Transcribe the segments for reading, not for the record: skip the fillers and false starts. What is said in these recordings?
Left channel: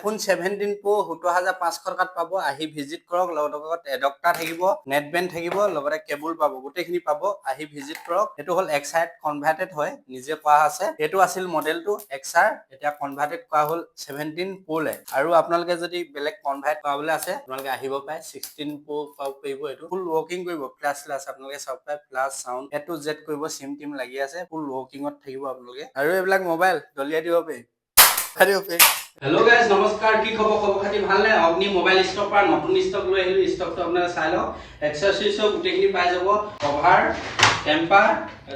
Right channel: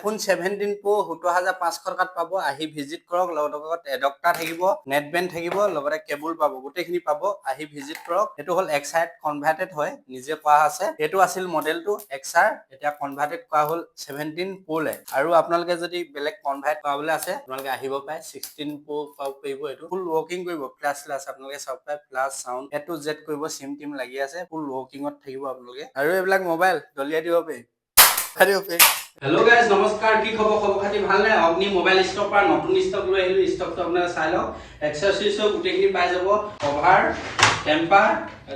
iPhone 17 Pro 17,500 টকাত পাব আহি ভিজিট কৰক লগত এডাপ্টাৰ থাকিব নেট বেণ্ড থাকিব লগতে কেবল পাব গোটেইখিনি পাব আহি ভিজিট কৰক এটো হল XR কনভাৰ্টেড হয় নিজে কোৱা আছে এটো আছিল মডেলটো XR এটা কনভাৰ্টেড কোৱা হল 17 Pro লে আৰু আপোনালোকে যদি বেলেগ কনভাৰ্ট কৰাবলৈ আছে আপোনালোকে আহিব পায় 16 Pro পাব পাৰিব এটো ফুল ওয়াৰ্কিং কৰিব ক্লাস আপোনালোকে সব পায় plus sound A to Z কৰিব সিম টিম লাগি আছে ফুল ওয়াৰ্কিংত থাকিব আপোনালোকে আৰু এইবিলাক মোবাইল দলিয়া দিব পাৰি Hello guys, নমস্কাৰ কি খবৰ খাতি ভাল নাই অগ্নি মোবাইল ষ্টক পৰা নতুন ষ্টক লৈ আহিলো ষ্টকটো আপোনাৰা চাই লওক এক্সেসৰিজৰ গুটেখিনি পাই যাব কভাৰ টেম্পাৰ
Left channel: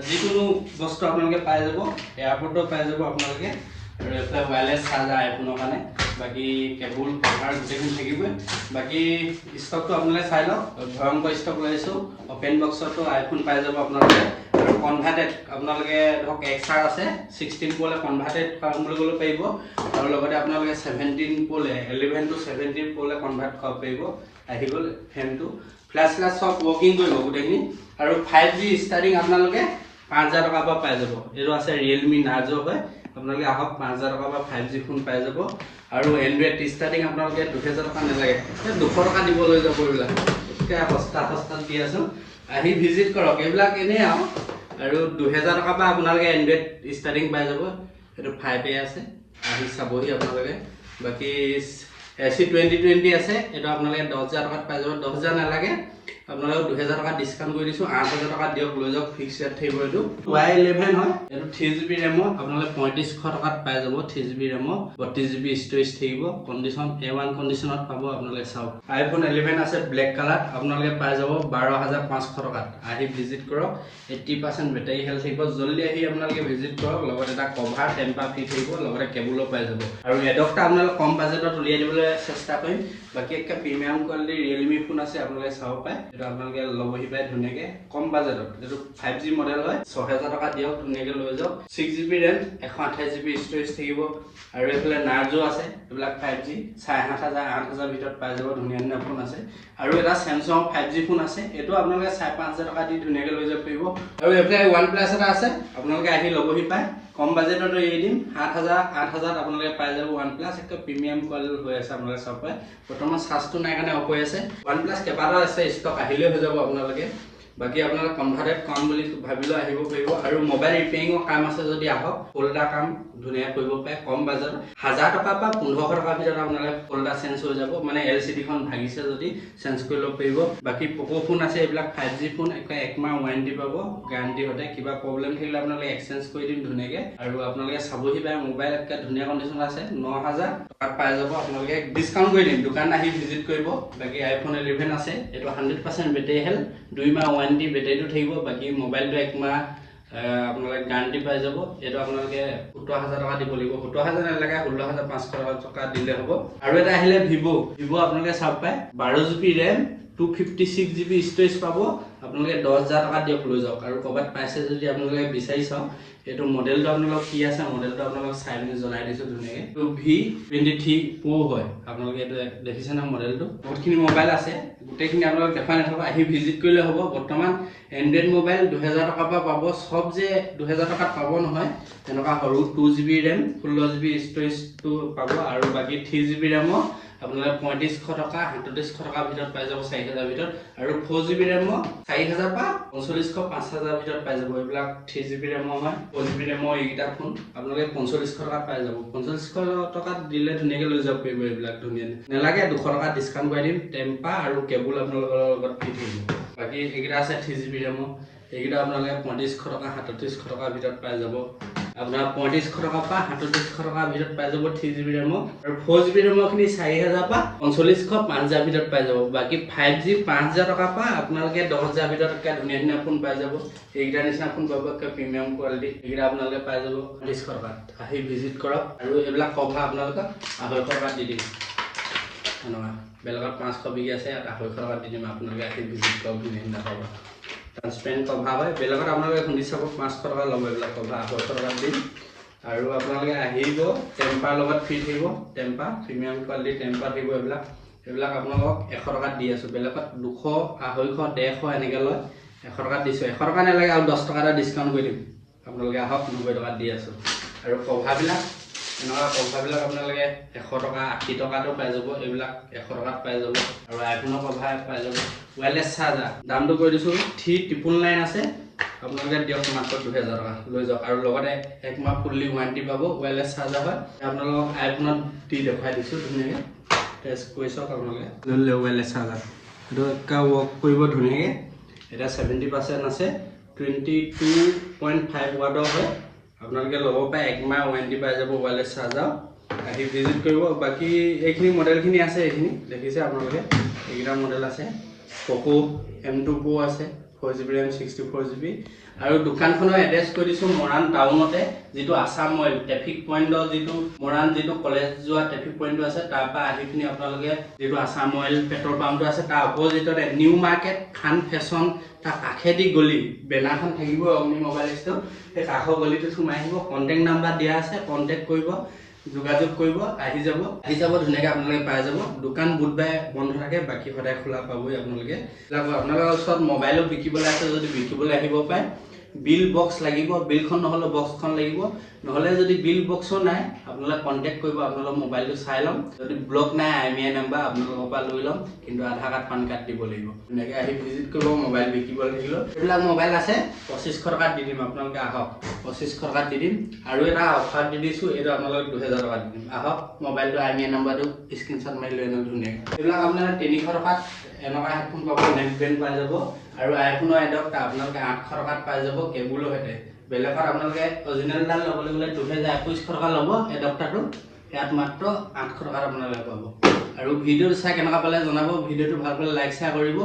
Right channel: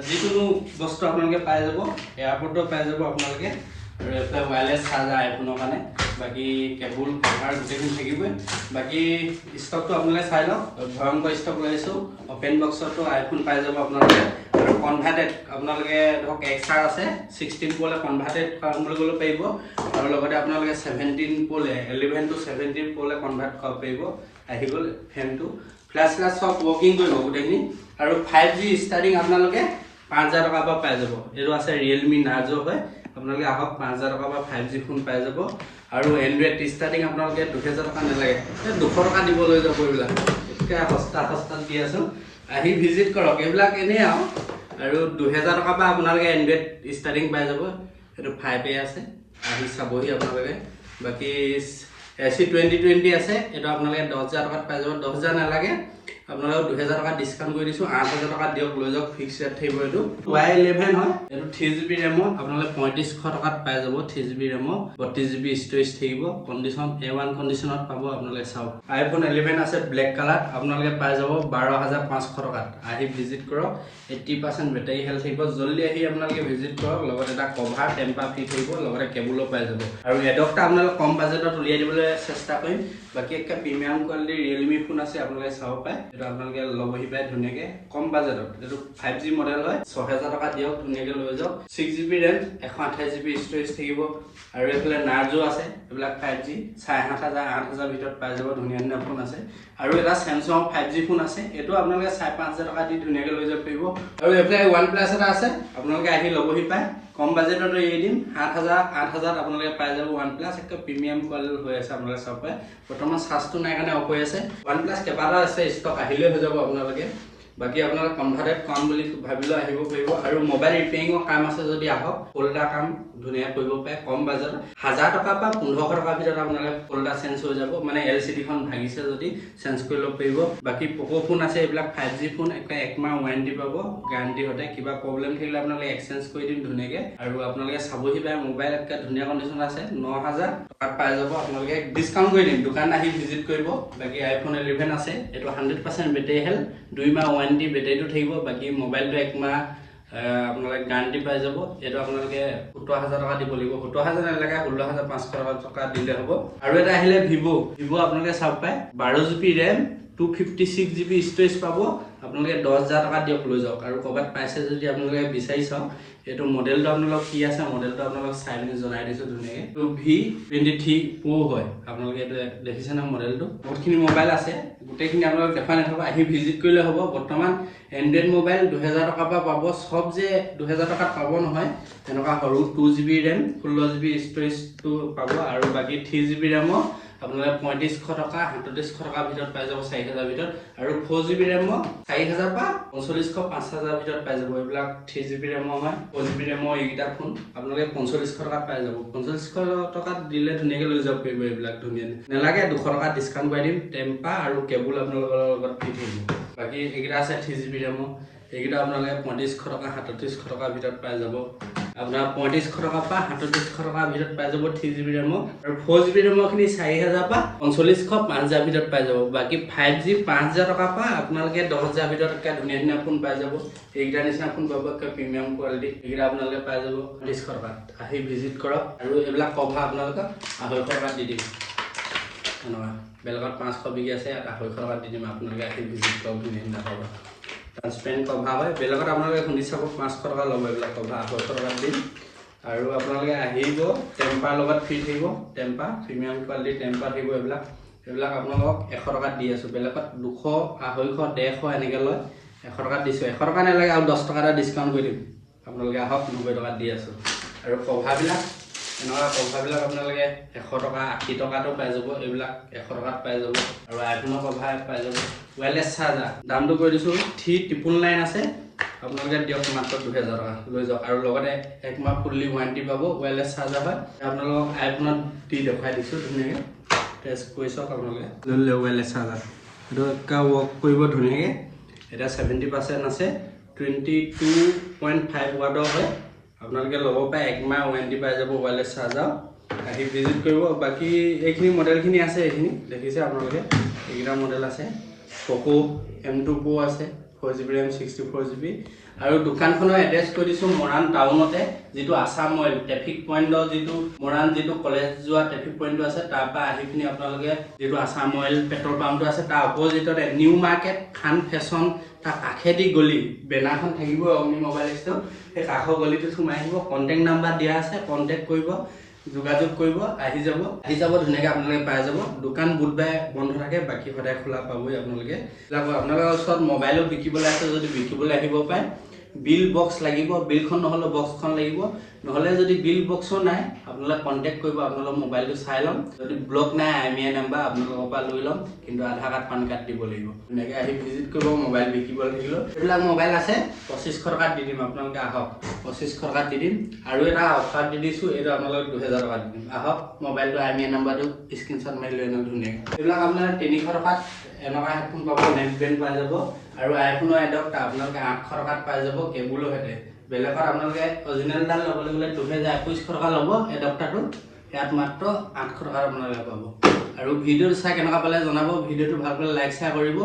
যিকোনো বস্তু আপোনালোকে পাই যাব এয়াৰপৰ্টত পাই যাব আপোনালোকে আৰু এটা ওয়্যাৰলেস চাৰ্জাৰ আইফোনৰ কাৰণে বাকি কেবল কভাৰ গুটেখিনি থাকিব বাকি ষ্টকটো আপোনালোকে চাই লওক ভয়ংকৰ ষ্টক লৈছো ওপেন বক্সটো আইফোন পাই যাব আপোনালোকে কনভাৰ্টেড আপোনালোকে ধৰক XR আছে 16 Pro লে কনভাৰ্টেড কৰিবলৈ গলে পাৰিব আৰু লগতে আপোনালোকে 17 Pro লে 11 to 17 Pro লে কনভাৰ্ট কৰিব পাৰিব আহি গল ফ্ৰেমটো ক্লাস সব ওয়াৰ্কিং কৰিব গোটেইখিনি আৰু 5G ষ্টাৰ্টিং আপোনালোকে 5000 টকা পৰা পাই যাব এটো আছে Realme Narzo হয় আপোনালোকে আহক 5000 টকা পৰা 5G ফোন পাই যাব আৰু Android ষ্টাৰ্টিং আপোনালোকে 2000 টকা নালাগে 200 টকা দিব লৈ যাব এইবিলাক একে সস্তা দি আছো আহি ভিজিট কৰক এইবিলাক এনে আৰু 2000 টকা পৰা আপোনালোকে Android ষ্টাৰ্টিং পাই যাব এটো 5A আছে আহি চাবহি আপোনালোকে বাকি AC 2020 আছে এটো আপোনালোকে 10000 টকাত পাই যাব 10000 নালাগে আপোনালোকে 2000 টকা ডিসকাউন্ট কৰি দিছো 8000 টকা দিয়ক লৈ যাওক ফিক্স ৰেট থাকিব এটো Y11 হয় এটো 3GB RAM আপোনালোকে 3500 টকাত পাই যাব 3GB RAM 32GB স্টোৰেজ থাকিব কন্ডিশন A1 কন্ডিশনত পাব আপোনালোকে চাওক iPhone 11 আছে ব্ল্যাক কালার আপোনালোকে পাই যাব 12500 টকাত আহি ভিজিট কৰক 80% ব্যাটাৰী হেলথ থাকিব জলদি আহি আপোনালোকে ভিজিট কৰক লগত এটা কভাৰ টেম্পাৰ ফ্ৰি থাকিব লগতে কেবলো পাই যাব আৰু এডপ্টাৰ আপোনালোকে কম বাজেটত উলিয়াই দিবলৈ চেষ্টা কৰিম বাকি একটা প্ৰিমিয়াম কোৱালিটি Realme ফোন আছে আপোনালোকে চাও পায় এটা আপোনালোকে লবহি পায় ধুনিয়াকে কম বাজেটত এটো 5G মডেল হয় 6000 টকা দিয়ক ধুনিয়াকে লৈ যাওক 6GB RAM 128GB স্টোৰেজ থাকিব আৰু এফালে Narzo আছে এইবিলাক 5G 7500 8000 ভিতৰত পাই যাব ধুনিয়া ফোন আছে আৰু এটা Samsung 5G ফোন আছে এটো আপোনালোকে 5500 টকা দি ধুনিয়াকে লৈ যাব পাৰিব আৰু এফালে OnePlus এটা আছে আপোনালোকে আহি লবহি পায় কম বাজেটত এই দিম 8000 আপোনালোকে পাই যাব OnePlus একটা প্ৰিমিয়াম কোৱালিটি হৈ আছে আপোনালোকে সব পায় বৰ্তমান সাজটো নাই কাৰণে অফ হৈ আছে OnePlus কেবাটা আছে ষ্টক আহিলে হৈ যাব আপোনালোকে বাকি আপোনালোকে কনভাৰ্টেড কম বুলি ভাবিলে আহিব পাৰিব আৰু মোবাইল ৰিপেয়াৰিংৰ কাম আছে যদি আহক ফোল্ডাৰ কাম ধুনিয়া কৰিব পায় কম বাজেটত 1000 টকা পৰা 1500 টকা ভিতৰত আপোনালোকে ফোল্ডাৰ চেঞ্জ হৈ যাব মানে LCD খন ভাগিছে যদি চেঞ্জ কৰি লব পাৰিব বাকি Poco ফোন আছে এইবিলাক 5G ফোন এক মাহ ওয়াৰেন্টি পাব গ্যাৰান্টি হতে কিবা প্ৰবলেম থাকিলে আপোনালোকে এক্সচেঞ্জ কৰি দিম ধুনিয়াকে আৰু আপোনালোকে চাবহি পায় মোবাইল একটা ধুনিয়া কন্ডিশন আছে 9000 টকাত পাই যাব আপোনালোকে ডিসকাউন্ট কৰি দিম দোকান আহি ভিজিট কৰিব বাকি iPhone 11 আছে এটো 100% ব্যাটাৰী হেল 2 মাহ ওয়াৰেন্টি ব্যাটাৰীটো থাকিব বাকি মোবাইলটো এক মাহ আপোনালোকে গ্যাৰান্টি পাই যাব এটো আপোনালোকে 17000 টকা দিব লাগিব 17000 নালাগে 16500 টকা দিলে হ'ব আৰু এটা আহিলে Vivo আপোনালোকে সব পায় 12GB RAM 256GB স্টোৰেজ পাব আপোনালোকে 10000 টকা দিয়ক লৈ যাওক আৰু কবাত পাইছে যদি আপোনালোকে বিচাৰি চাওক এটো মডেলটো আপোনালোক কি আছে মডেলটো আপোনালোক চাই মেলি জনাই দিছো ধুনিয়াকে তো V23 Pro হয় আপোনালোকে এটো দেখিছেন মডেলটো বহুতখিনি মোবাইল আছে গোটেইখিনি আপোনালোক দেখাই নাথাকো আহি ভিজিট কৰিলে হ'ব বৰ্তমান Android মোবাইল 2000 টকা পৰা পাব সব যে 2000 টকাত পাব নহয় এনেকা সৰু 2GB RAM 16GB স্টোৰেজটো পাব আৰু বাকি 3GB RAM আপোনালোকে 3500 টকা 3700 টকা ভিতৰত পাই যাব 4000 ভিতৰত আৰু 4GB RAM 4000 পৰা 4500 5000 ভিতৰত পাই যাব এইবিলাক 3GB RAM হয় 4GB RAM এইটা ফোন আপোনালোকে 4500 টকা পাই যাব 4500 টকা দিলে ধুনিয়াকে লৈ যাব পাৰিব এইবিলাক ধুনিয়া নালাগে 200 টকা ডিসকাউন্ট কৰি দিম টেম্পা আৰু কেবল আপোনালোকৰ লগত ফ্ৰী থাকিব বাকি এইটা আছে 3GB RAM এইটা আপোনালোকে 3500 টকা 3700 টকা ভিতৰত পাই যাব আপোনাৰ 3500 টকা পৰা 3700 টকা ভিতৰত পাই যাব 3GB RAM আৰু 4GB RAM খিনি 4000 পৰা 4500 5000 ভিতৰত পাই যাব বাকি 5G 5000 টকা পৰা আপোনালোকে 10000 ভিতৰত একটা ধুনিয়া ফোন পাই যাব এইটা নিচিনা ফোন পাব একটা প্ৰিমিয়াম কোৱালিটি এইটা আপোনালোকে পাই যাব 250 টকাত আহি ভিজিট কৰক আৰু এইবিলাক কভাৰ আপোনালোকে 800 টকা দি দিম বেলেগত 500 বিকি আছে 800 টকা দি দিম আপোনালোকে আহি ভিজিট কৰক ধুনিয়া কভাৰ ট্ৰান্সপেৰেন্ট কভাৰ হয় বেলেগত আপোনালোকে শুনি চাব 500 টকা ল'ব এইবিলাক কভাৰ 800 টকা দিম আৰু আপোনালোকে আহিব টেম্পাৰ লগত ফ্ৰী থাকিব টেম্পাৰ প্ৰিমিয়াম কোৱালিটি টেম্পাৰ থাকিব এইবিলাক আপোনালোকক 100 টকা দি আছো বেলেগত 200 250 150 এনেকে লয় 100 টকা দিছো 100 টকা নালাগে আৰু 10 টকা এটা ডিসকাউন্ট কৰি দিম আপোনালোকে আহক 90 টকা দি আছো আৰু কভাৰবিলাক এনেকুৱা কভাৰবিলাক আপোনালোকে 100 টকা 80 টকাটো পাই যাব, এইবিলাক 100 টকাত পাই যাব। আৰু আইফোনৰ কভাৰ পাই যাব। ৱায়াৰলেছ চাৰ্জাৰ দামটো কৈ দিছোঁ 3999 আছে, আপোনালোকে দিয়ক মাত্ৰ 2000 টকা লৈ যাওক। আৰু লগতে 1 মাহ ফুল্লি ৱাৰেণ্টি পাব। ৱায়াৰলেছ চাৰ্জাৰ হয়, আপোনালোকক আইফোনত দি দেখুৱাই দিছোঁ ধুনীয়াকৈ, টেষ্ট কৰি চাওক আপোনালোকে। লৈ ল'লে ৱায়াৰলেছ চাৰ্জাৰ, এইটো একে ৱৰ্ক কৰিব ধুনীয়াকৈ। এটা 70% আছে, 22.5 ৱাটৰ হয়। আপোনালোকে ল'ব পাৰে, 1 মাহ ৱাৰেণ্টি পাই যাব ৱায়াৰলেছ চাৰ্জাৰ। আহি ভিজিট কৰিব। বাকী এইখিনি মডেলখিনি আছে, এইখিনি দেখিছে আপোনালোকে, এইকেইটা মডেল আছে। প'ক' M2 Pro আছে, 4GB RAM 64GB। আৰু দোকানখনৰ এড্ৰেছ কৈ দিছোঁ মৰাণ টাউনতে, যিটো আছাম অইল ট্ৰেফিক পইণ্টৰ যিটো মৰাণ যিটো কলেজ যোৱা ট্ৰেফিক পইণ্টটো আছে, তাৰ পৰা আহি পিনি আপোনালোকে যিটো আছাম অইল পেট্ৰল পাম্পটো আছে, তাৰ অপজিটতে নিউ মাৰ্কেট খান ফেশ্বন, তাৰ কাষেদি গলি বেনাৰখন থাকিব অগ্নি মোবাইল ষ্ট'ৰ, সেই কাষৰ গলিটোত সোমাই আহিব। কণ্টেক্ট নাম্বাৰ দিয়া আছে, কণ্টেক্ট কৰিব, যোগাযোগ কৰিব, আহি যাব ধুনীয়াকৈ আপোনালোকে পাই যাব। দোকান বুধবাৰে বন্ধ থাকে, বাকী সদায় খোলা পাবই আপোনালোকে। আপোনালোকৰ ওচৰত মোবাইলো বিকিবলৈ আছে, যদি বিকিবলৈ আহিব পাৰে। বিল বক্স লাগিব, বিলখন নহ'লে বক্সখন লাগিব, নহ'লে যদি বিল বক্সো নাই আপোনালোকে কণ্টেক্ট কৰিব, আপোনালোকৰ মোবাইলটো চাই ল'ম। যদি ব্লক নাই IMEI নাম্বাৰ আপোনালোকৰ পৰা লৈ ল'ম, কিন্তু আধাৰ কাৰ্ড পান কাৰ্ড দিব লাগিব। ধুনীয়াকৈ আহি ভিজিট কৰিব। মোবাইল বিকিব লাগিলেও এইবিলাক মোবাইল আছে, 2500 টকাত দি দিম। আপোনালোকে আহক, 2500 টকাত দি দিম। আৰু এটা অফাৰ দি দিছোঁ, এইটো আপোনালোকক 2000 টকাত দি দিম। আহক, মোবাইলটো IMEI নাম্বাৰটো স্ক্ৰীনশ্বট মাৰি লৈ ল'ম ধুনীয়াকৈ। এইবিলাক আপোনালোকে 300 টকাত এনেকুৱা হেডফোন পাব, নেক বেণ্ড পাই যাব। আৰু আইফোনৰ এডপ্টাৰ আপোনালোকে 800 টকাত পাই যাব কেবুলৰ সৈতে। বেলেগত আপোনালোকে অৰিজিনেলডাল ল'বলৈ গ'লে 2100 টকা ল'ব এডপ্টাৰটো, ইয়াত মাত্ৰ 800 টকাত আপোনালোকে পাব। আৰু ভিডিঅ'টো চাই কেনেকুৱা পালে জনাব। ভিডিঅ'টো ভাল পালে লাইক শ্বেয়াৰ কৰিব।